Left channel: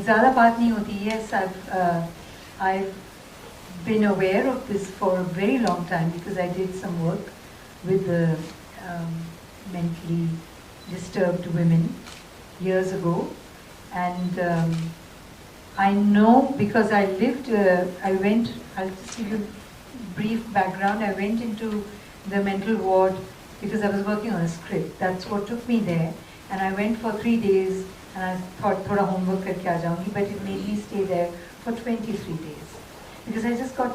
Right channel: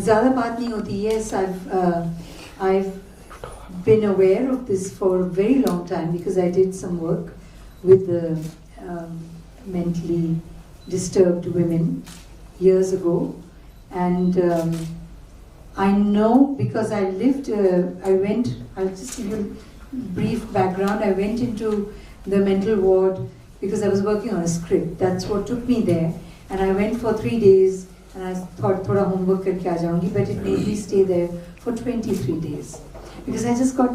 ज़्यादा बात नहीं होती. Yes, I've been aware of this for a very long time because I did some work with the mentally disturbed women years ago, and I know because I lived. I'll just give you a brief background. I went into the mental ward because I was working on a script. That's what took me there, and I went for 3 days. And I thought thoda homework karke aa jaungi, but it made me stay there for 23 days because I just got,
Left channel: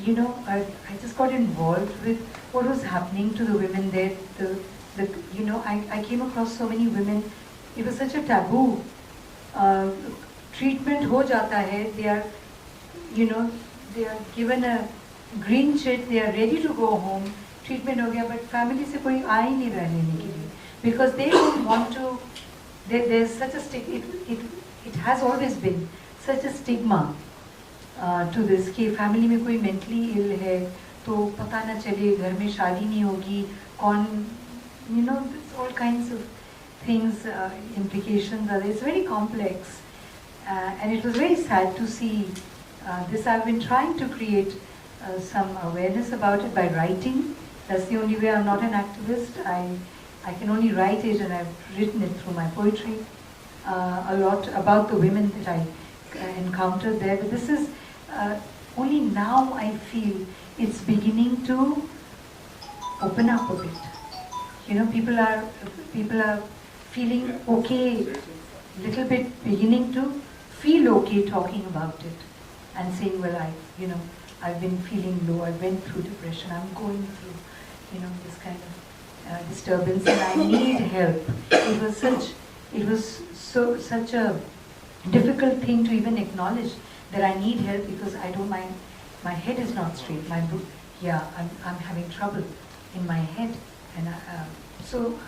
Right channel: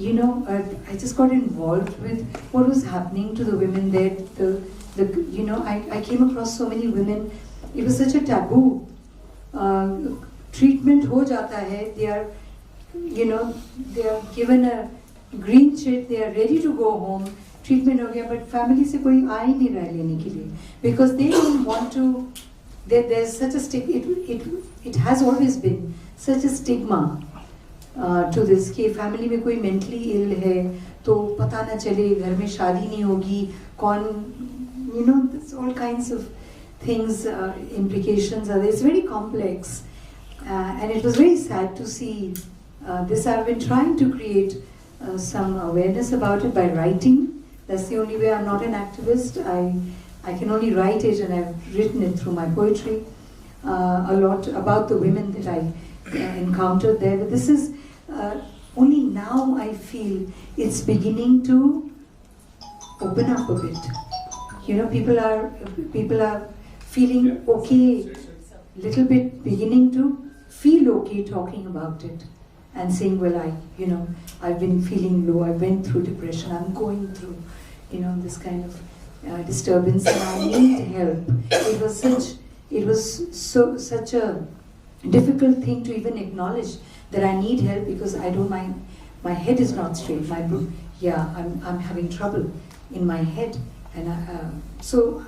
I just got involved with what was happening to the women there. I came across so many women. It was such a taboo. Treatment ho jata hai. They are, they are given a green chit. They are ready to go home. Treatment ho gaya, but family se koi aa hi nahi raha lene ke liye because they don't want to. There's such a it has always been such a stigma to this कि family में कोई mentally ill है तो पता ना चले घर में शादी नहीं होगी कौन there's all kinds of things implications are there. It's very complex and it was very sad to see this. I've been trying to create some awareness about it by writing. That's the only way. I'm not an activist. I can only write it, and I've written it through my poetry a lot about the women that I encountered there. But this is only now I feel it's beginning to open up a bit. People are feeling okay, little bit beginning to feel okay talking about it and saying, well, I've been feeling low. I went through depression. I'm going through, this kind of disturbance and I need help. It was such a difficult thing to even acknowledge that I need help because I don't mind. My head is not straight. I'm having trouble in my head, and so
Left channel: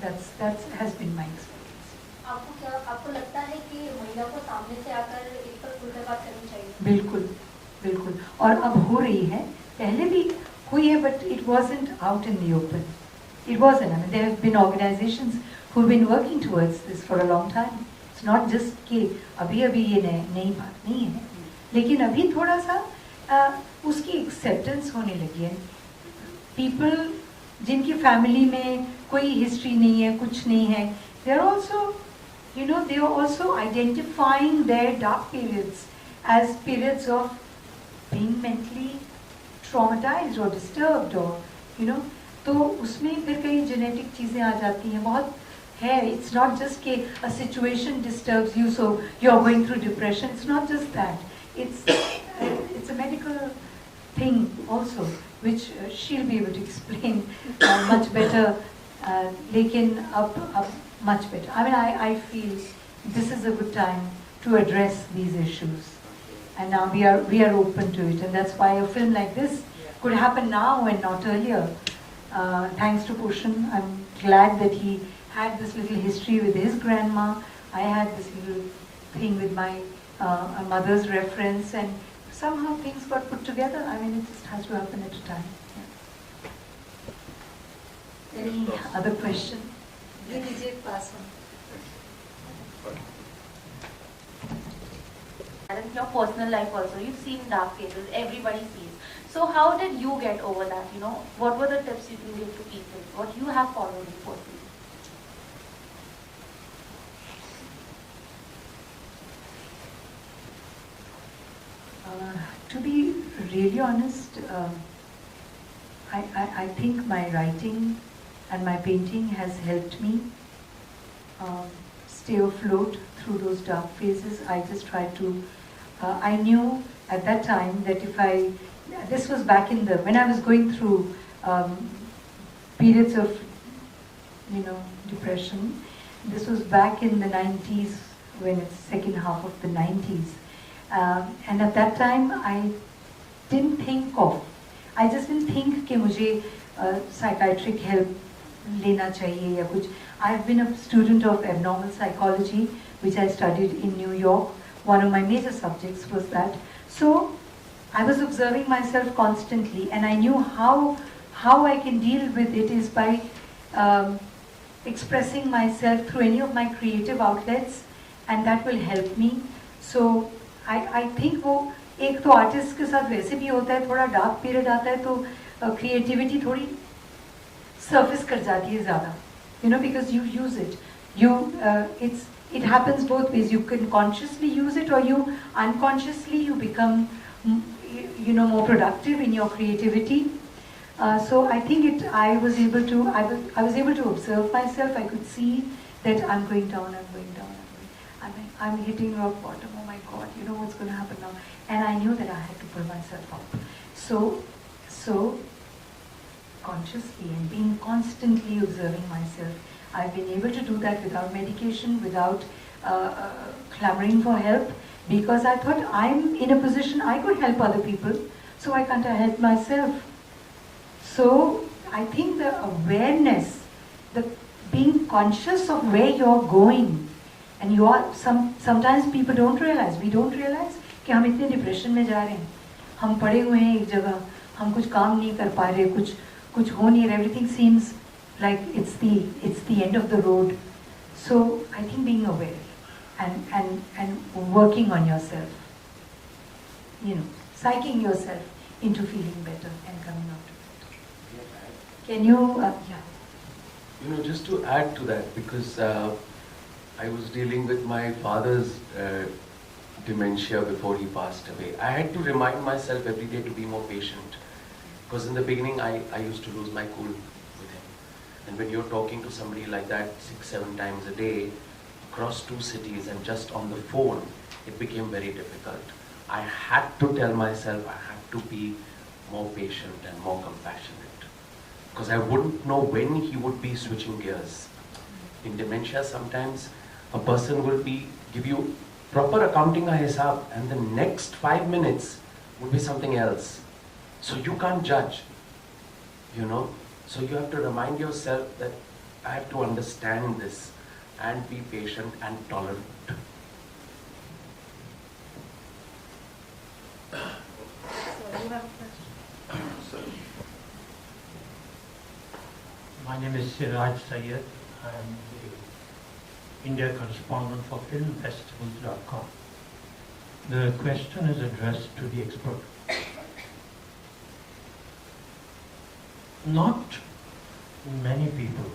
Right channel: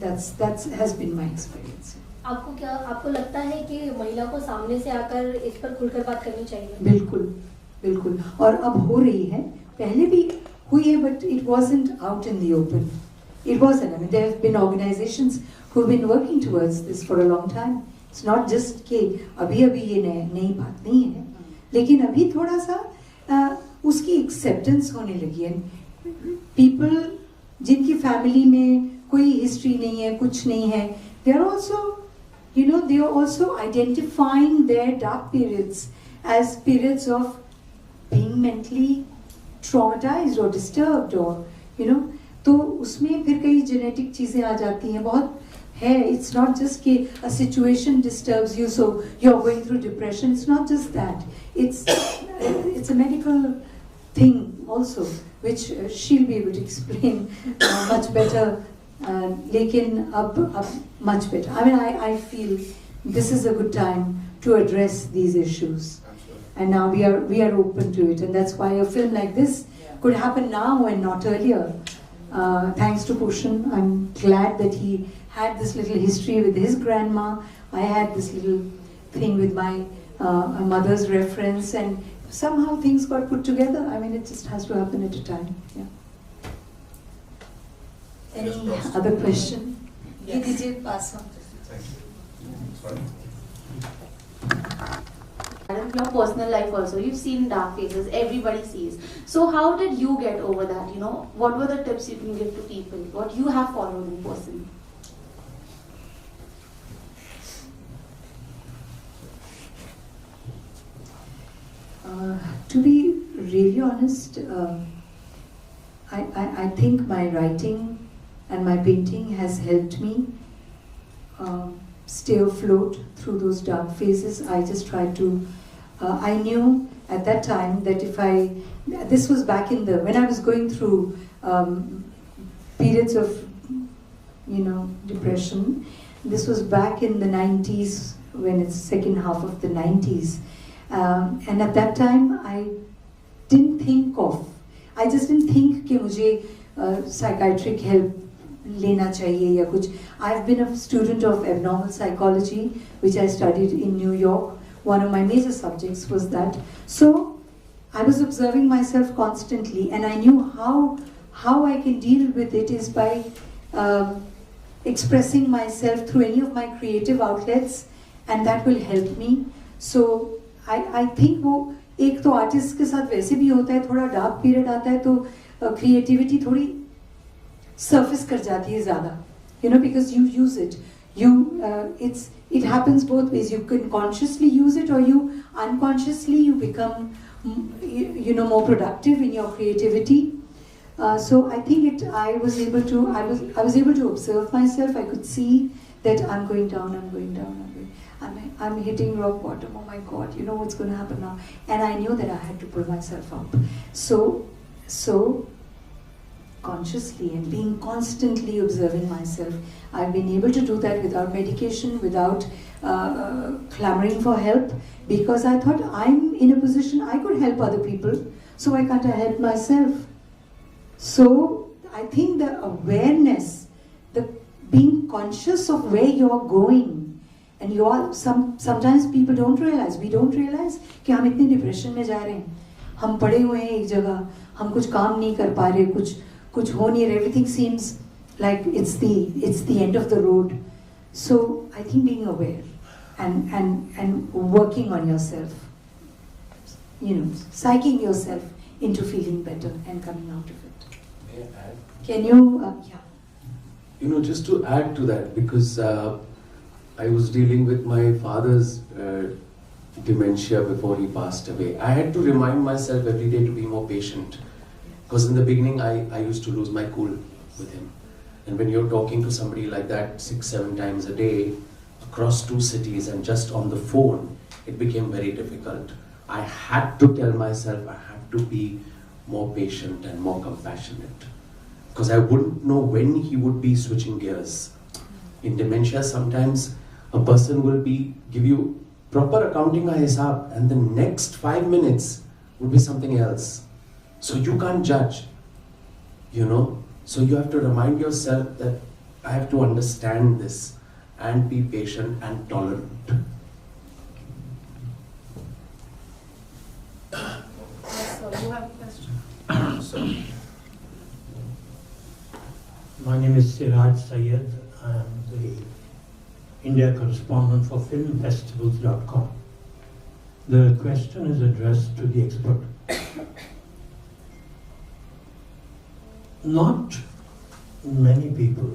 that has been my experience. आपको लगता है कि महिला को सामने से आकर इस पर खुलकर बात करनी चाहिए? बिल्कुल और अब हो रही है. पहले भी हुई है, but it wasn't out in the open. It wasn't. I mean, there have been organizations who've been working towards this for a long time. It's not just कि अभी ये नई बात नहीं है, लेकिन अभी थोड़ा सा उसकी acceptance होने लगी है. People जिनकी family में कोई history नहीं है, कुछ नहीं है, they are also identifying their dark periods as periods of being mentally traumatized or disturbed or तो उसमें फिर कई genetic चीजें आ जाती हैं. बहुत है. It's not just कि a situation disturbs you so you're going through depression. It's not just that. It's a medical thing also, which she'll be able to explain much better. लेकिन अब much better. I mean, I feel this is a good time to address these issues, and now we are open to it, and that's why a film like this could happen now and not earlier. Thanks to Pushan, I'm glad that he had this little history with his grandma. I had this little thing with my mother's reference, and somehow things got put together. I mean, it just has to happen at a time. Yeah. Any other question? Yes. Did you pass on? And your personal life also, you've seen dark phases, everybody sees. So how did you get over that? What were the tips you can give to people? What you have followed in personally? To be really honest, I think my writing and my painting has helped me stay afloat through those dark phases. I just tried to, I knew at that time that this was back when I was going through periods of, depression. This was back in the 90s, when it's second half of the 90s. And at that time, I just didn't think कि मुझे psychiatric help लेना चाहिए या कुछ. I've been a student of abnormal psychology, which I studied in New York. One of my major subjects was that. So I was observing myself constantly, and I knew how I can deal with it is by expressing myself through any of my creative outlets and that will help me. So I think वो एक तो artist के साथ वैसे भी होता है, थोड़ा डार्क पीरियड आता है तो क्रिएटिविटी थोड़ी surface कर जाती है ज़्यादा, you know, because you use it. It happens both ways. You can consciously use it, or you unconsciously you become, you know, more productive in your creativity. So I think I was able to observe myself. I could see that I'm going down, I'm hitting rock bottom. Oh my God, you know what's going to happen now? And I knew that I had to pull myself up. So consciously and being constantly observing myself, I've been able to do that without medication, without clamoring for help, because I thought I'm in a position I could help other people, so why can't I help myself? So I think the awareness, the being conscious of where you're going, and you are sometimes people don't realize, we don't realize कि हम इतने depression में जा रहे हैं, हम पड़े हुए हैं एक जगह, हम कुछ काम नहीं कर पा रहे, कुछ हो नहीं रहा, everything seems like it's the end of the road. So I think being aware and working on yourself, you know, psyching yourself into feeling better and coming out of it. Can you, yeah. You know, just to add to that, because I was dealing with my father's dementia before he passed away. I had to remind myself every day to be more patient, because in the beginning I used to lose my cool with him. And when you're talking to somebody like that 6-7 times a day, across 2 cities and just on the phone, it became very difficult. I had to tell myself I had to be more patient and more compassionate, because I wouldn't know when he would be switching gears. In dementia, sometimes a person will give you proper accounting ka hisab, and the next 5 minutes would be something else. So you can't judge, you know. So you have to remind yourself that I have to understand this and be patient and tolerant. So you have a question? My name is Siraj Syed. I am the India correspondent for filmfestivals.com. The question is addressed to the expert. Not many people,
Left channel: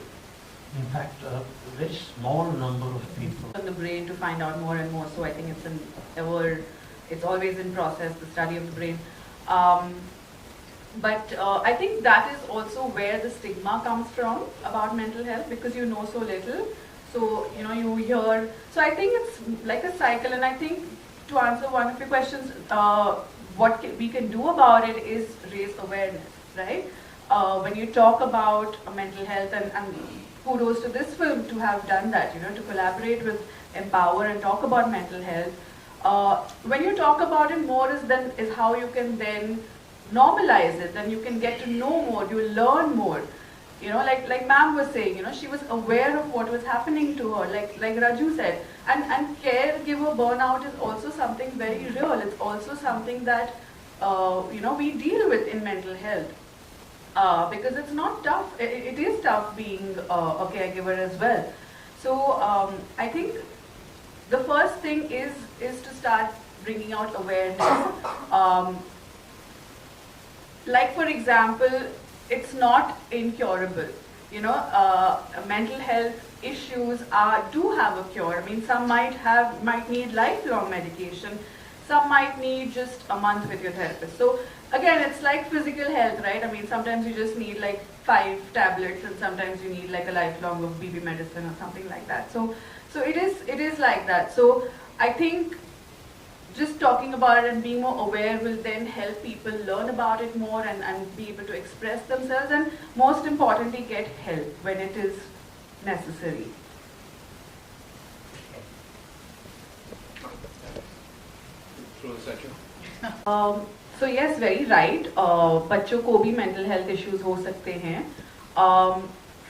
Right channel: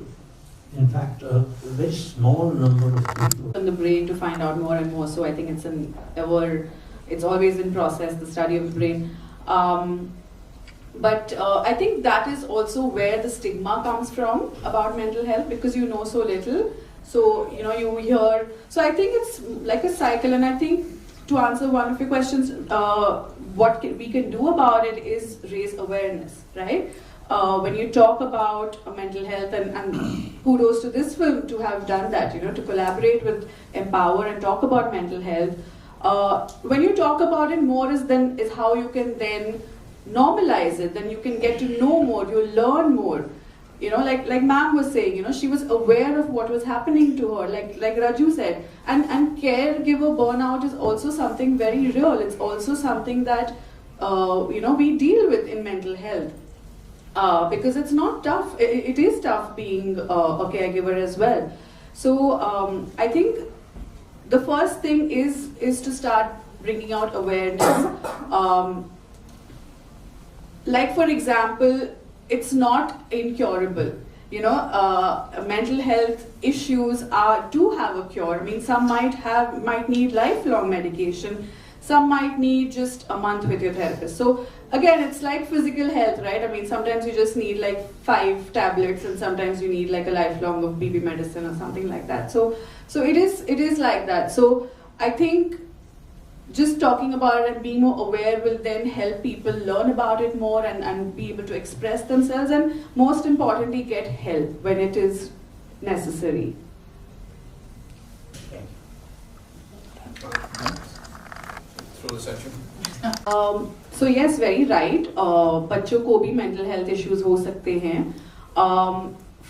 in fact, a very small number of people. On the brain to find out more and more. So I think it's always in process, the study of the brain. But I think that is also where the stigma comes from about mental health, because you know so little. So, you know, you hear. So I think it's like a cycle, and I think to answer one of your questions, what we can do about it is raise awareness, right? When you talk about mental health, and kudos to this film to have done that, you know, to collaborate with Empower and talk about mental health. When you talk about it more is how you can then normalize it, then you can get to know more, you learn more. You know, like ma'am was saying, you know, she was aware of what was happening to her, like Raju said. And caregiver burnout is also something very real. It's also something that, you know, we deal with in mental health. Because it's not tough, it is tough being a caregiver as well. So I think the first thing is to start bringing out awareness. Like for example, it's not incurable. You know, mental health issues do have a cure. I mean, some might need lifelong medication. Some might need just a month with your therapist. So again, it's like physical health, right? I mean, sometimes you just need like 5 tablets, and sometimes you need like a lifelong of BB medicine or something like that. So it is like that. So I think just talking about it and being more aware will then help people learn about it more and be able to express themselves, and most importantly, get help when it is necessary. Throw this at you. So yes, very right. बच्चों को भी mental health issues हो सकते हैं.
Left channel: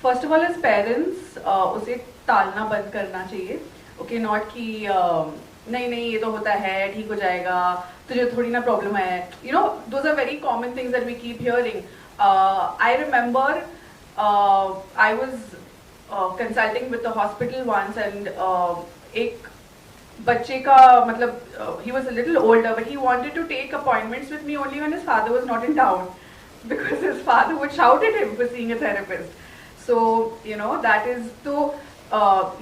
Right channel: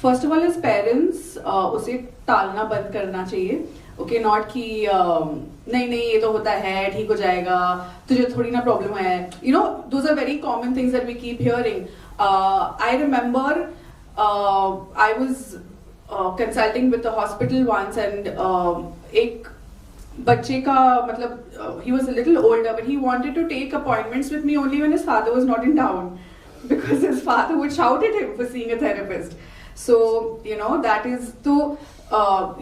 First of all, as parents, उसे टालना बंद करना चाहिए. Okay, not कि नहीं ये तो होता है, ठीक हो जाएगा, तुझे थोड़ी ना problem है. You know, those are very common things that we keep hearing. I remember I was consulting with the hospital once, and एक बच्चे का मतलब he was a little older, but he wanted to take appointments with me only when his father was not in town, because his father would shout at him for seeing a therapist. So you know that is तो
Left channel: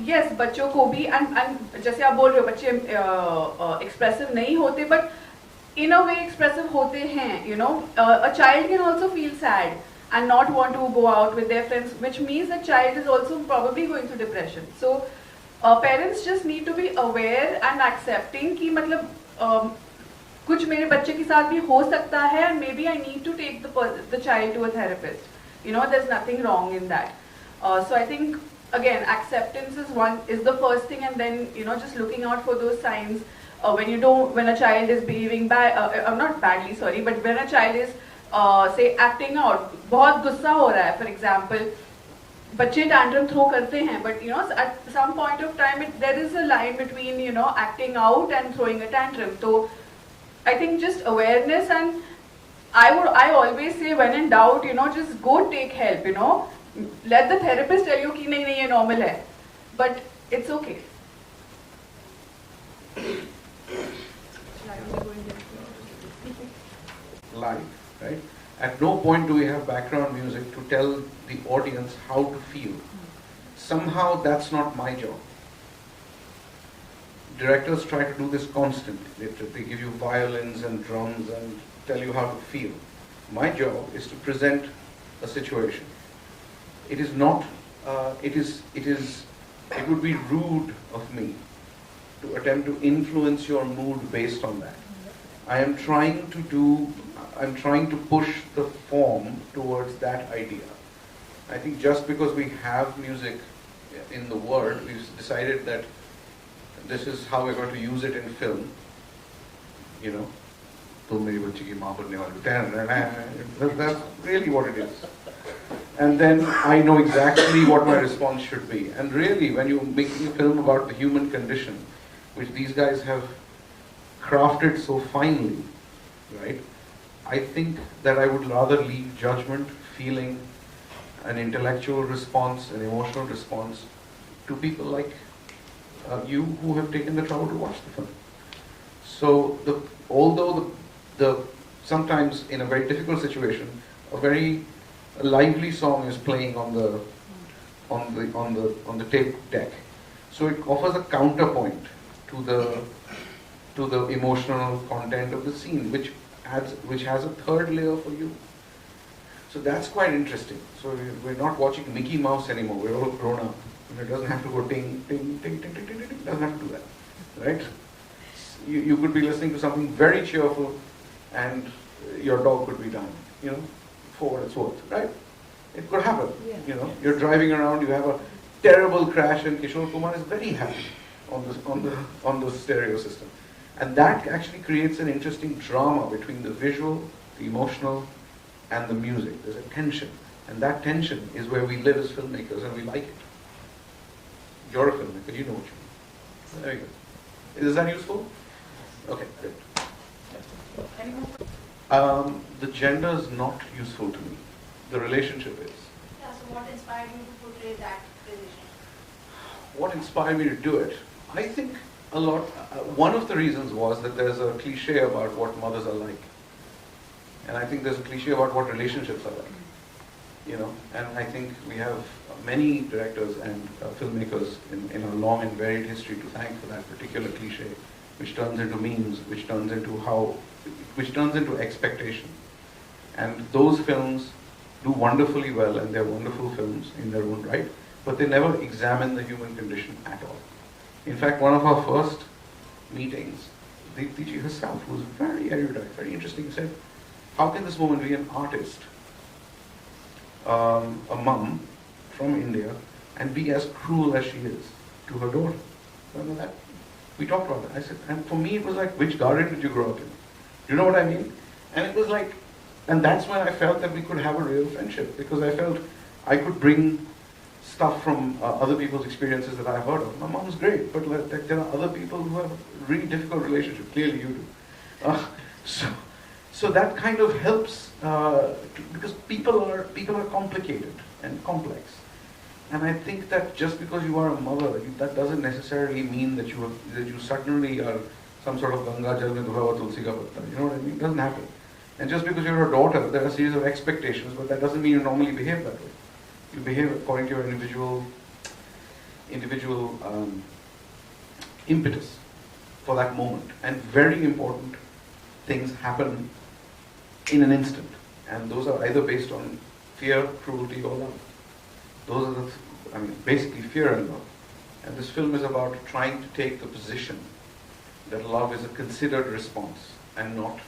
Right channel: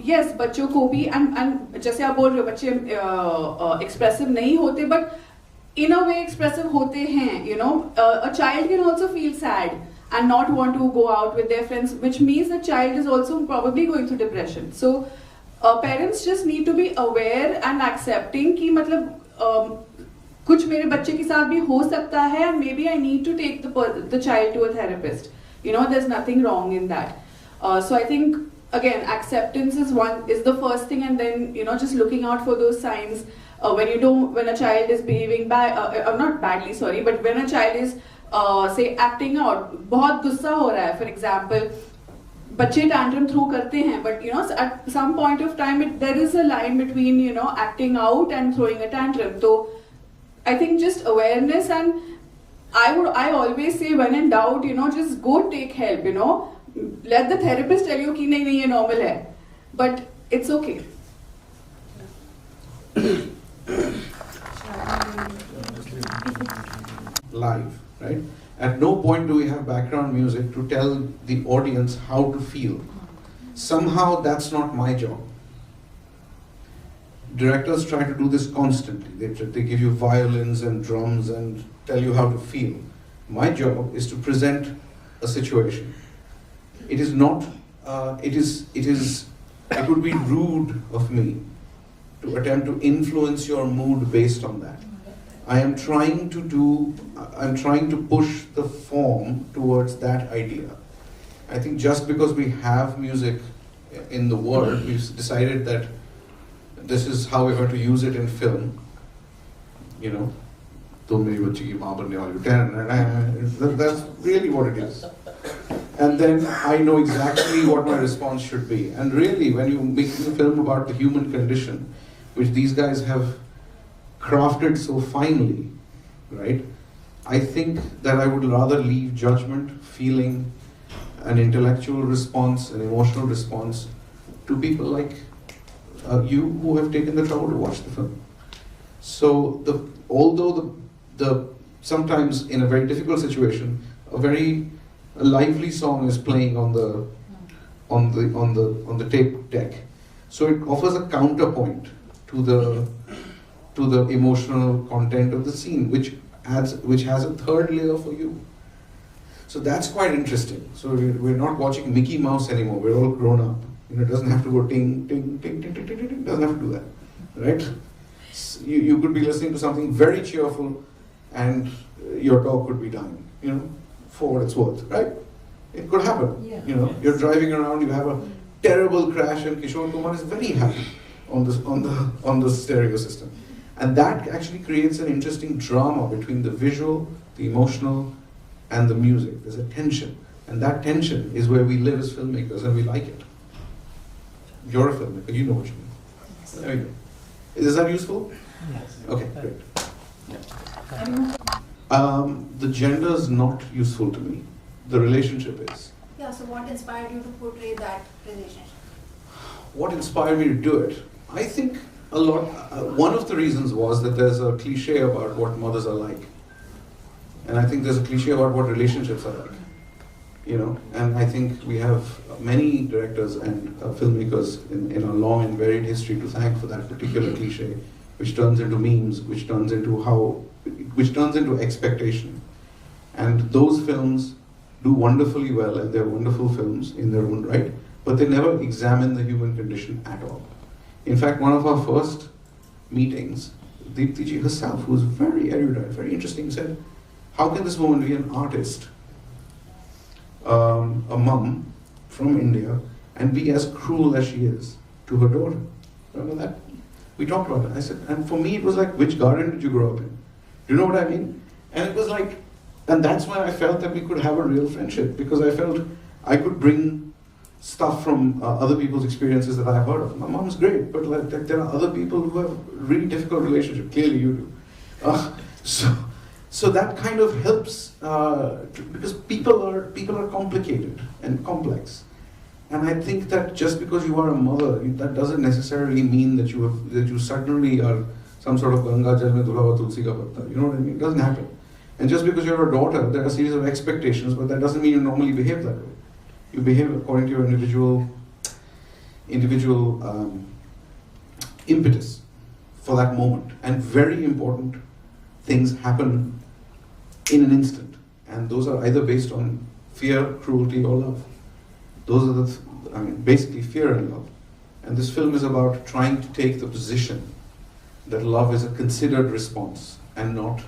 yes बच्चों को भी and जैसे आप बोल रहे हो बच्चे expressive नहीं होते, but in a way expressive होते हैं. You know a child can also feel sad and not want to go out with their friends, which means the child is also probably going through depression. So parents just need to be aware and accepting कि मतलब कुछ मेरे बच्चे के साथ भी हो सकता है, and maybe I need to take the child to a therapist. You know, there's nothing wrong in that. So I think again acceptance is the first thing, and then you know just looking out for those signs when a child is behaving not badly, sorry, but when a child is say acting out, बहुत गुस्सा हो रहा है, for example, बच्चे tantrum throw करते हैं, but you know at some point of time there is a line between you know acting out and throwing a tantrum. So I think just awareness, and I always say when in doubt, you know, just go take help. You know, let the therapist tell you कि नहीं नहीं ये normal है, but it's okay. Live, right? At no point do we have background music to tell the audience how to feel. Somehow that's not my job. Directors try to do this constantly. They give you violins and drums and tell you how to feel. My job is to present a situation. It is not, it would be rude of me to attempt to influence your mood based on that. I'm trying to push the form towards that idea. I think just because we have music in the world, we've decided that this is how we're going to use it in film. You know, that's really what it is. And then I know exactly what my response should be. And really, when you're making a film about the human condition, which these guys have crafted so finely, right? I think that I would rather leave judgment, feeling, an intellectual response, an emotional response to people like you who have taken the trouble to watch the film. So although sometimes in a very difficult situation, a very lively song is playing on the tape deck, so it offers a counterpoint to the emotional content of the scene, which has a third layer for you. So that's quite interesting. So we're not watching Mickey Mouse anymore. We're all grown up. And it doesn't have to go ting, ting, ting, ting, ting, ting, ting. It doesn't have to do that, right? You could be listening to something very cheerful and your dog could be dying, you know, for what it's worth, right? It could happen. Yeah. You know, you're driving around, you have a terrible crash and Kishore Kumar is very happy on the stereo system. And that actually creates an interesting drama between the visual, the emotional, and the music. There's a tension. And that tension is where we live as filmmakers and we like it. You're a filmmaker, you know what you mean. There you go. Is that useful? Okay, great. The gender is not useful to me. The relationship is. Yeah, so what inspired you to portray that relationship? What inspired me to do it? I think a lot, one of the reasons was that there's a cliche about what mothers are like. And I think there's a cliche about what relationships are like. You know, and I think we have many directors and filmmakers in our long and varied history to thank for that particular cliche, which turns into memes, which turns into expectation. And those films do wonderfully well, and they're wonderful films in their own right, but they never examine the human condition at all. In fact, one of our first meetings, Deepti ji herself, who was very erudite, very interesting, said, how can this woman be an artist, a mum from India, and be as cruel as she is to her daughter? Remember that? We talked about that. I said, and for me it was like, which garden did you grow up in? You know what I mean? And it was like, and that's when I felt that we could have a real friendship, because I felt I could bring stuff from other people's experiences that I've heard of. My mom's great, but like, there are other people who have really difficult relationships. Clearly you do. So that kind of helps, because people are complicated and complex. And I think that just because you are a mother, that doesn't necessarily mean that you suddenly are some sort of Ganga Jal mein dhula hua tulsi ka patta. You know what I mean? It doesn't happen. And just because you're a daughter, there are a series of expectations, but that doesn't mean you normally behave that way. You behave according to your individual impetus for that moment. And very important things happen in an instant. And those are either based on fear, cruelty, or love. Those are basically fear and love. And this film is about trying to take the position that love is a considered response and not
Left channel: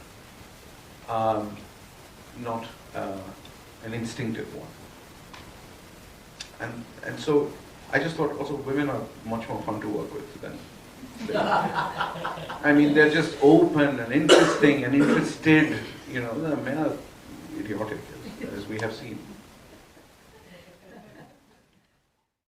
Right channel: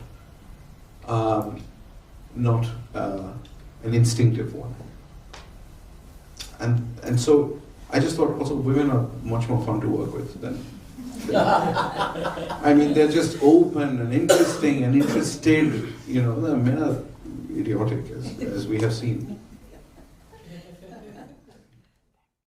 an instinctive one. And so I just thought also women are much more fun to work with than I mean, they're just open and interesting and interested, you know. The men are idiotic, as we have seen.